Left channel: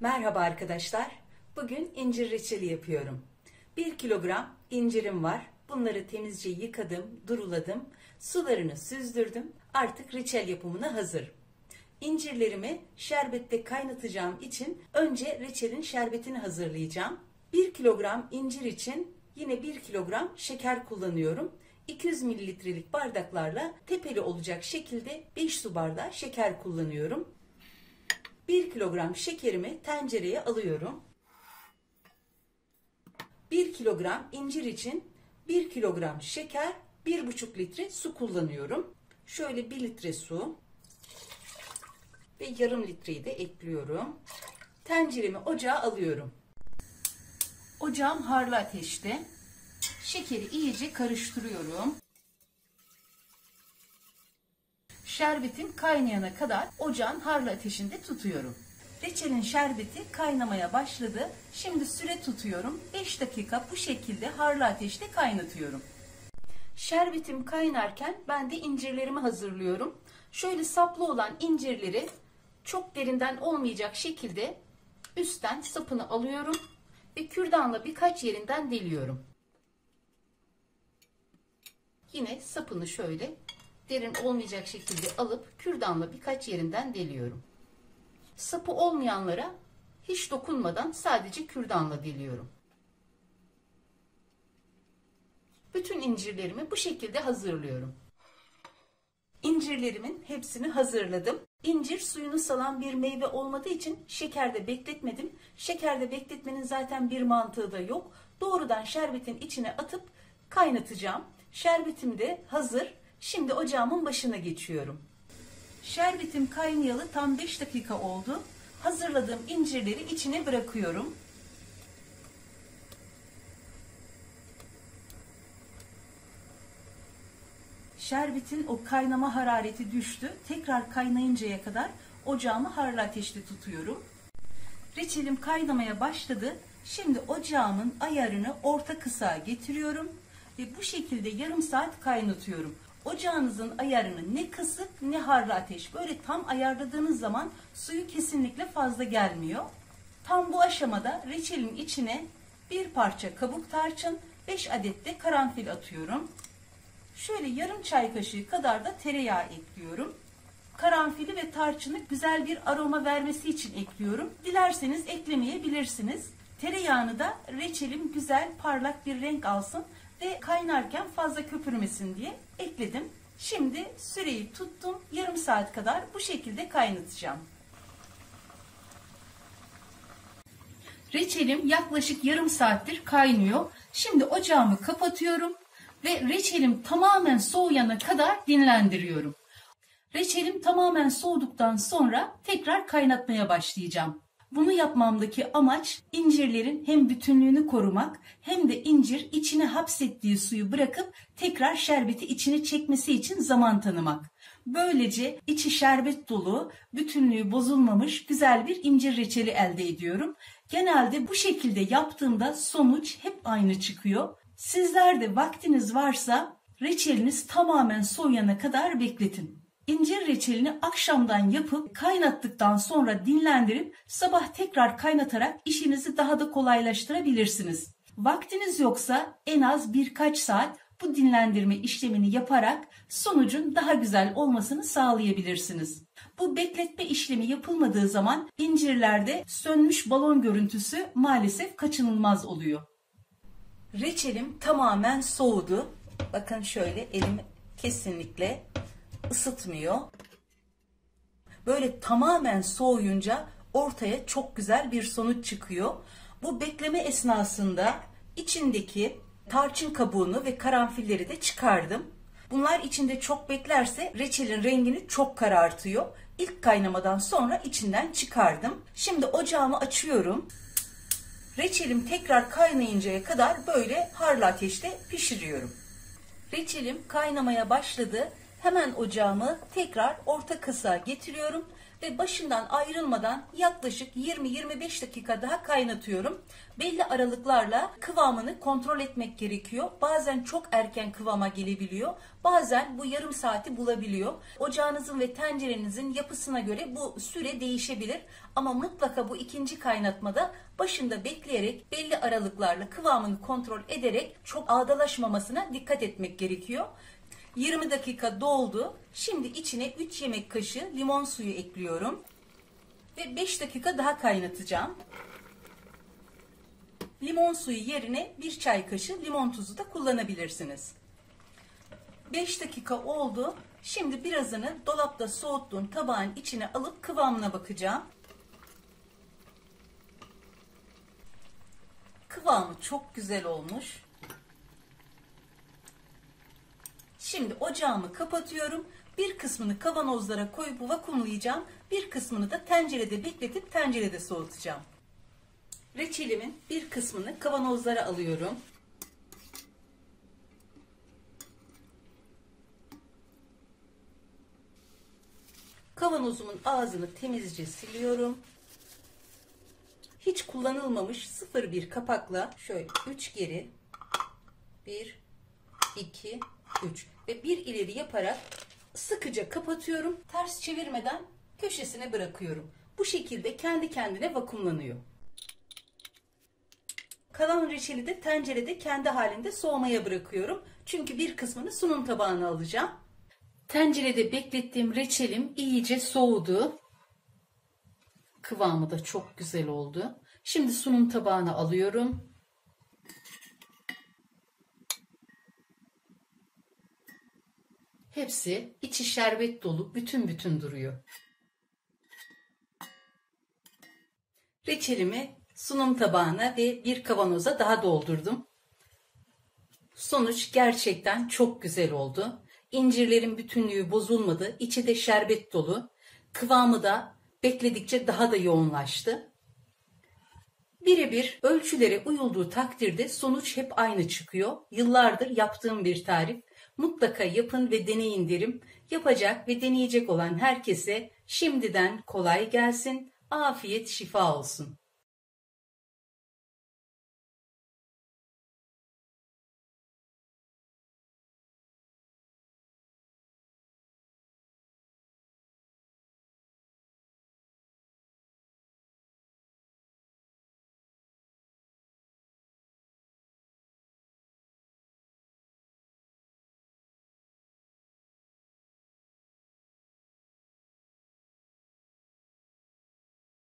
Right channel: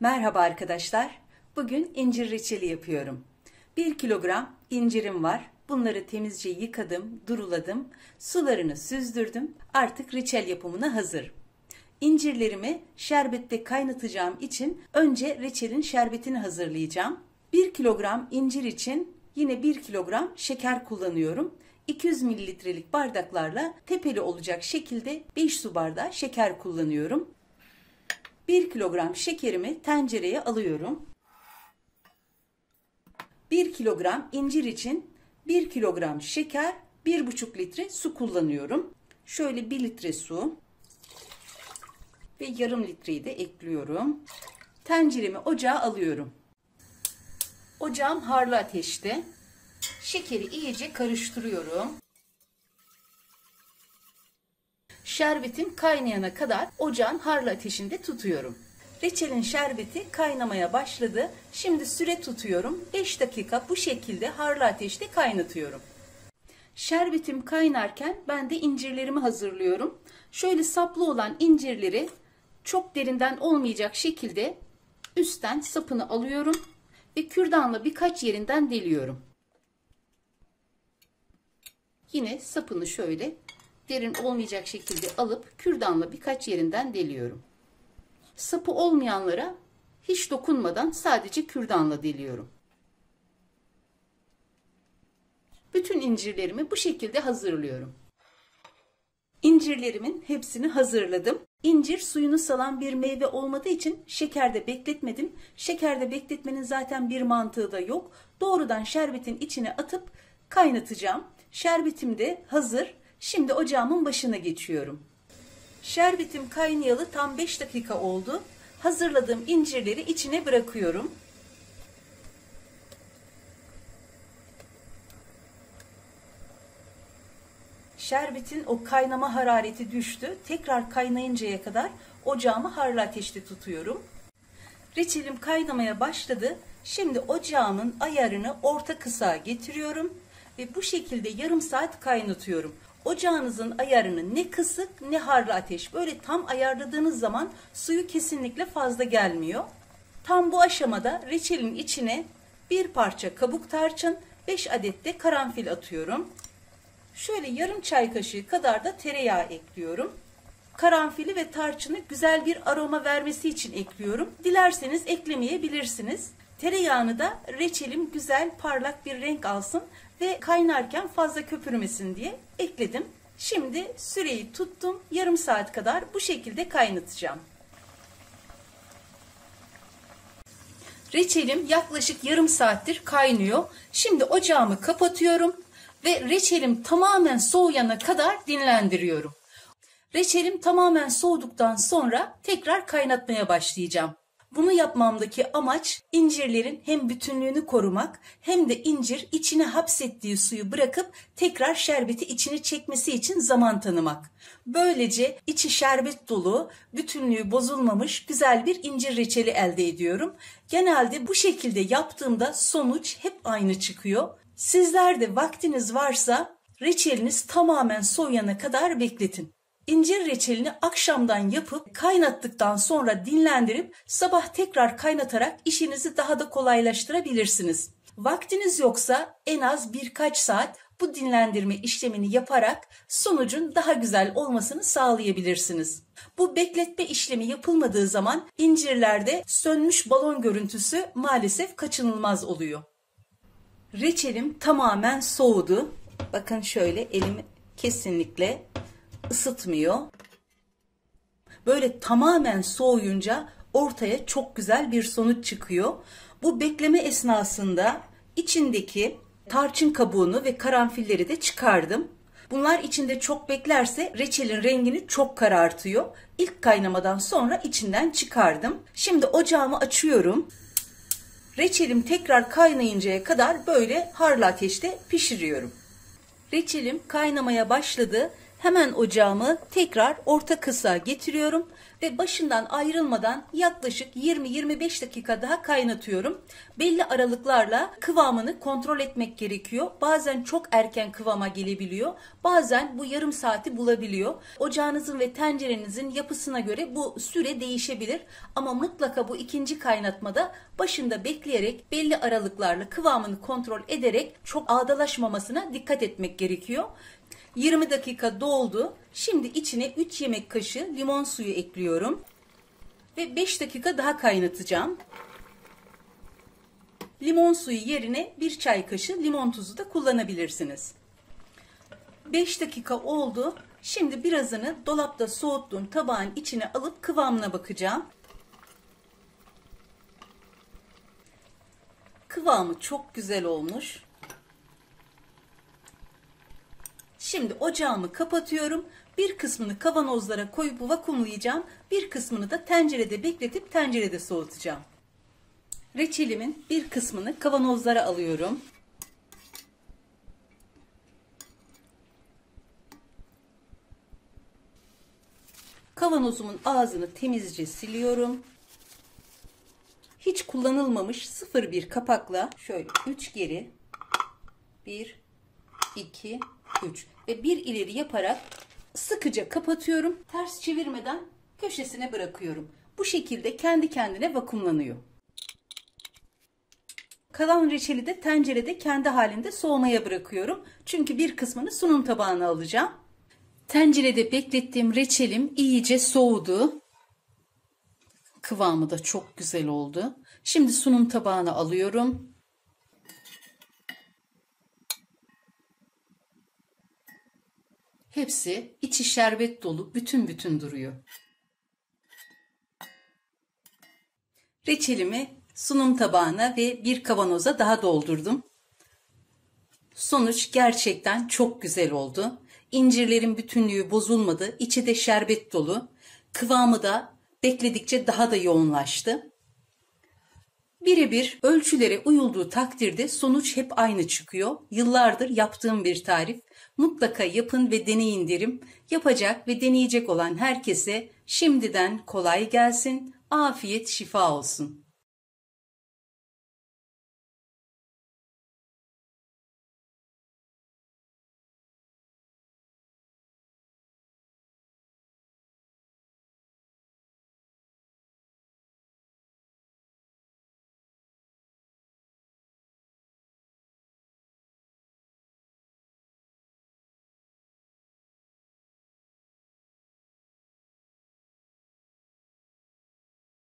Merhaba arkadaşlar. Bugün incir reçeli yapıyorum. 1 kilogram incirim var. Bunları temizce yıkadım, duruladım. Sularını süzdürdüm. Artık reçel yapımına hazır. İncirlerimi şerbette kaynatacağım için önce reçelin şerbetini hazırlayacağım. 1 kilogram incir için yine 1 kilogram şeker kullanıyorum. 200 mililitrelik bardaklarla tepeli olacak şekilde 5 su bardağı şeker kullanıyorum. 1 kilogram şekerimi tencereye alıyorum. 1 kilogram incir için 1 kilogram şeker, 1,5 litre su kullanıyorum. Şöyle 1 litre su ve yarım litreyi de ekliyorum. Tenceremi ocağa alıyorum. Ocağım harlı ateşte. Şekeri iyice karıştırıyorum. Şerbetim kaynayana kadar ocağın harlı ateşinde tutuyorum. Reçelin şerbeti kaynamaya başladı. Şimdi süre tutuyorum. 5 dakika bu şekilde harlı ateşte kaynatıyorum. Şerbetim kaynarken ben de incirlerimi hazırlıyorum. Şöyle saplı olan incirleri çok derinden olmayacak şekilde üstten sapını alıyorum ve kürdanla birkaç yerinden deliyorum. Yine sapını şöyle derin olmayacak şekilde alıp kürdanla birkaç yerinden deliyorum. Sapı olmayanlara hiç dokunmadan sadece kürdanla deliyorum. Bütün incirlerimi bu şekilde hazırlıyorum. İncirlerimin hepsini hazırladım. İncir suyunu salan bir meyve olmadığı için şekerde bekletmedim. Şekerde bekletmenin zaten bir mantığı da yok. Doğrudan şerbetin içine atıp kaynatacağım. Şerbetim de hazır. Şimdi ocağımın başına geçiyorum. Şerbetim kaynayalı tam 5 dakika oldu. Hazırladığım incirleri içine bırakıyorum. Şerbetin o kaynama harareti düştü. Tekrar kaynayıncaya kadar ocağımı harlı ateşte tutuyorum. Reçelim kaynamaya başladı. Şimdi ocağımın ayarını orta kısığa getiriyorum ve bu şekilde yarım saat kaynatıyorum. Ocağınızın ayarını ne kısık ne harlı ateş. Böyle tam ayarladığınız zaman suyu kesinlikle fazla gelmiyor. Tam bu aşamada reçelin içine bir parça kabuk tarçın, 5 adet de karanfil atıyorum. Şöyle yarım çay kaşığı kadar da tereyağı ekliyorum. Karanfili ve tarçını güzel bir aroma vermesi için ekliyorum. Dilerseniz eklemeyebilirsiniz. Tereyağını da reçelim güzel parlak bir renk alsın ve kaynarken fazla köpürmesin diye ekledim. Şimdi süreyi tuttum. Yarım saat kadar bu şekilde kaynatacağım. Reçelim yaklaşık yarım saattir kaynıyor. Şimdi ocağımı kapatıyorum ve reçelim tamamen soğuyana kadar dinlendiriyorum. Reçelim tamamen soğuduktan sonra tekrar kaynatmaya başlayacağım. Bunu yapmamdaki amaç incirlerin hem bütünlüğünü korumak hem de incir içine hapsettiği suyu bırakıp tekrar şerbeti içine çekmesi için zaman tanımak. Böylece içi şerbet dolu, bütünlüğü bozulmamış güzel bir incir reçeli elde ediyorum. Genelde bu şekilde yaptığımda sonuç hep aynı çıkıyor. Sizler de vaktiniz varsa reçeliniz tamamen soğuyana kadar bekletin. İncir reçelini akşamdan yapıp kaynattıktan sonra dinlendirip sabah tekrar kaynatarak işinizi daha da kolaylaştırabilirsiniz. Vaktiniz yoksa en az birkaç saat bu dinlendirme işlemini yaparak sonucun daha güzel olmasını sağlayabilirsiniz. Bu bekletme işlemi yapılmadığı zaman incirlerde sönmüş balon görüntüsü maalesef kaçınılmaz oluyor. Reçelim tamamen soğudu. Bakın şöyle elimi kesinlikle ısıtmıyor. Böyle tamamen soğuyunca ortaya çok güzel bir sonuç çıkıyor. Bu bekleme esnasında içindeki tarçın kabuğunu ve karanfilleri de çıkardım. Bunlar içinde çok beklerse reçelin rengini çok karartıyor. İlk kaynamadan sonra içinden çıkardım. Şimdi ocağımı açıyorum. Reçelim tekrar kaynayıncaya kadar böyle harlı ateşte pişiriyorum. Reçelim kaynamaya başladı. Hemen ocağımı tekrar orta kısığa getiriyorum ve başından ayrılmadan yaklaşık 20-25 dakika daha kaynatıyorum. Belli aralıklarla kıvamını kontrol etmek gerekiyor. Bazen çok erken kıvama gelebiliyor. Bazen bu yarım saati bulabiliyor. Ocağınızın ve tencerenizin yapısına göre bu süre değişebilir. Ama mutlaka bu ikinci kaynatmada başında bekleyerek belli aralıklarla kıvamını kontrol ederek çok ağdalaşmamasına dikkat etmek gerekiyor. 20 dakika doldu. Şimdi içine 3 yemek kaşığı limon suyu ekliyorum. Ve 5 dakika daha kaynatacağım. Limon suyu yerine 1 çay kaşığı limon tuzu da kullanabilirsiniz. 5 dakika oldu. Şimdi birazını dolapta soğuttuğum tabağın içine alıp kıvamına bakacağım. Kıvamı çok güzel olmuş. Şimdi ocağımı kapatıyorum. Bir kısmını kavanozlara koyup vakumlayacağım. Bir kısmını da tencerede bekletip tencerede soğutacağım. Reçelimin bir kısmını kavanozlara alıyorum. Kavanozumun ağzını temizce siliyorum. Hiç kullanılmamış 0,1 kapakla şöyle 3 geri 1, 2, 3 ve 1 ileri yaparak sıkıca kapatıyorum. Ters çevirmeden köşesine bırakıyorum. Bu şekilde kendi kendine vakumlanıyor. Kalan reçeli de tencerede kendi halinde soğumaya bırakıyorum. Çünkü bir kısmını sunum tabağına alacağım. Tencerede beklettiğim reçelim iyice soğudu. Kıvamı da çok güzel oldu. Şimdi sunum tabağına alıyorum. Hepsi içi şerbet dolu, bütün bütün duruyor. Reçelimi sunum tabağına ve bir kavanoza daha doldurdum. Sonuç gerçekten çok güzel oldu. İncirlerin bütünlüğü bozulmadı. İçi de şerbet dolu. Kıvamı da bekledikçe daha da yoğunlaştı. Birebir ölçülere uyulduğu takdirde sonuç hep aynı çıkıyor. Yıllardır yaptığım bir tarif. Mutlaka yapın ve deneyin derim. Yapacak ve deneyecek olan herkese şimdiden kolay gelsin, afiyet şifa olsun.